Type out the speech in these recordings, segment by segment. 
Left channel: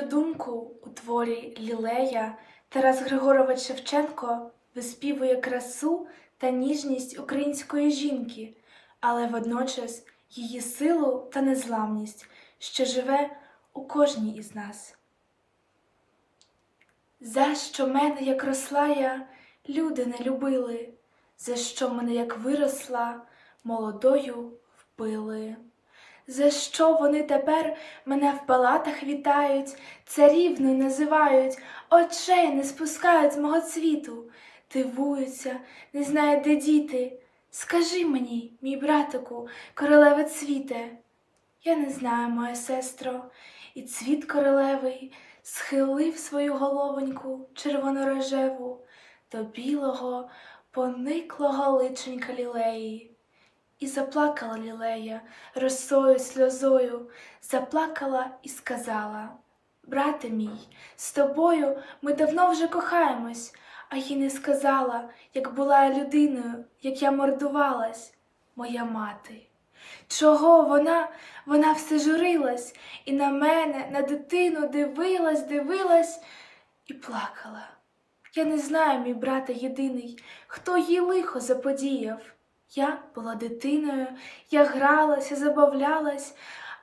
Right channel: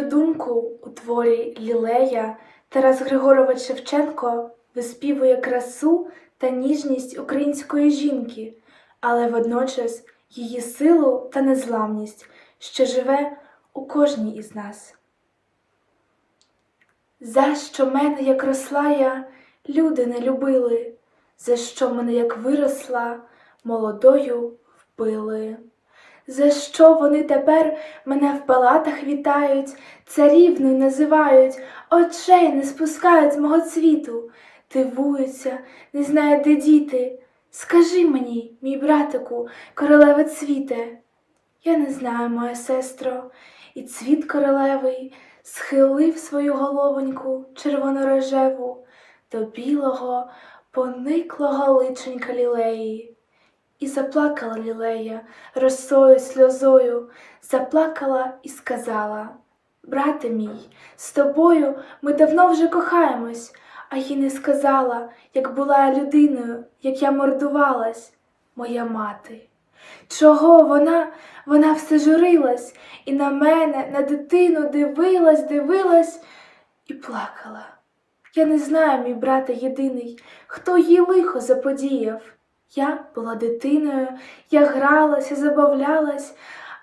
мою думку, у творі Лілея Тарас Григорович Шевченко виспівує красу та ніжність української жінки, але водночас її силу та незламність, що живе у кожній із нас. За що мене, як росла я, люди не любили, за що мене, як виросла, молодою вбили. За що вони тепер мене в палатах вітають, царівною називають, очей не спускають з мого цвіту, дивуються, не знають, де діти. Скажи мені, мій братику, королеве цвіте. Я не знаю, моя сестро, і цвіт королевий схилив свою головоньку червонорожеву до білого, пониклого личенька лілеї. І заплакала лілея росою, сльозою, заплакала і сказала: Брате мій, з тобою ми давно вже кохаємось, а їй не сказала, як була я людиною, як я мордувалась, моя мати. Чого вона, вона все журилась і на мене, на дитину дивилась, дивилась і плакала. Я не знаю, мій брате єдиний, хто їй лихо заподіяв. Я була дитиною, я гралася, забавлялась,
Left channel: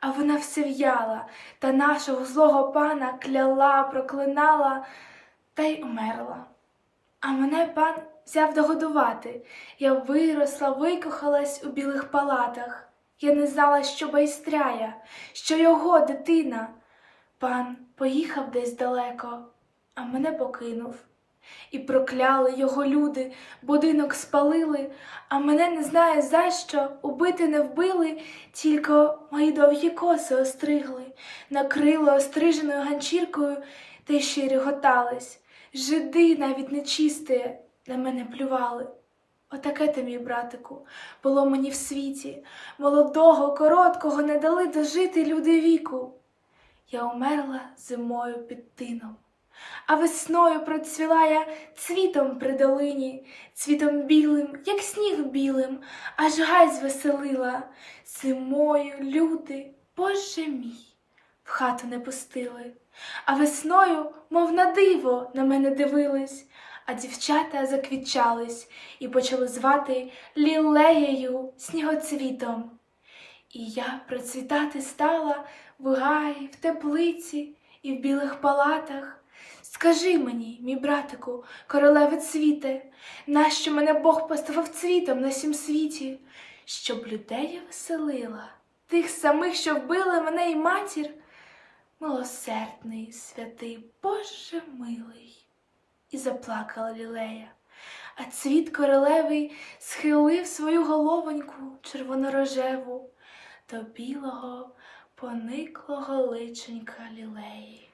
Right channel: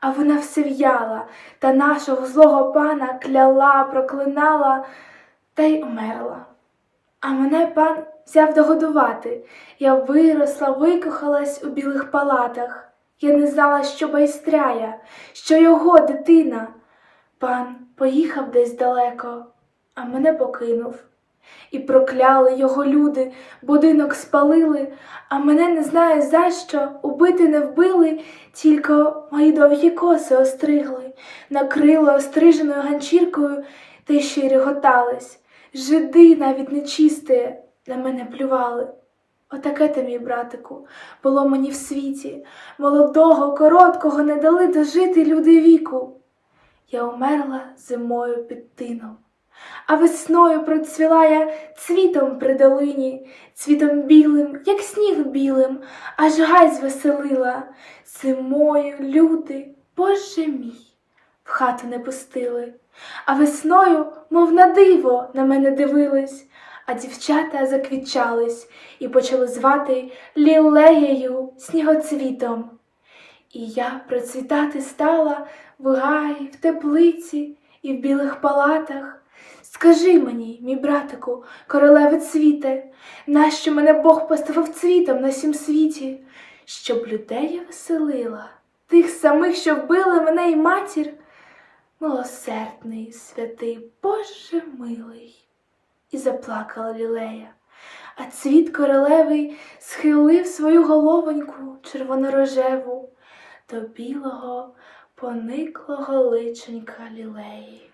а вона все в'яла та нашого злого пана кляла, проклинала та й умерла. А мене пан взяв догодувати. Я виросла, викохалась у білих палатах. Я не знала, що байстряя, що його дитина. Пан поїхав десь далеко, а мене покинув. І прокляли його люди, будинок спалили, а мене не знаю за що, убити не вбили, тільки мої довгі коси остригли, накрили остриженою ганчіркою та ще й реготались. Жиди навіть нечисте на мене плювали. Отаке ти, мій братику, було мені в світі. Молодого, короткого не дали дожити люди віку. Я умерла зимою під тином. А весною процвіла цвітом при долині, цвітом білим, як сніг білим, аж гай звеселила. Зимою люди, Боже мій, в хату не пустили, а весною, мов на диво, на мене дивились, а дівчата заквітчались і почали звати лілеєю снігоцвітом. І я процвітати стала в гаї, в теплиці і в білих палатах. Скажи мені, мій братику, королеве цвіте, нащо мене Бог поставив цвітом на сім світі, щоб людей я веселила, тих самих, що вбили мене і матір, милосердний, святий, Боже милий. І заплакала лілея, а цвіт королевий схилив свою головоньку червонорожеву до білого, пониклого личенька лілеї.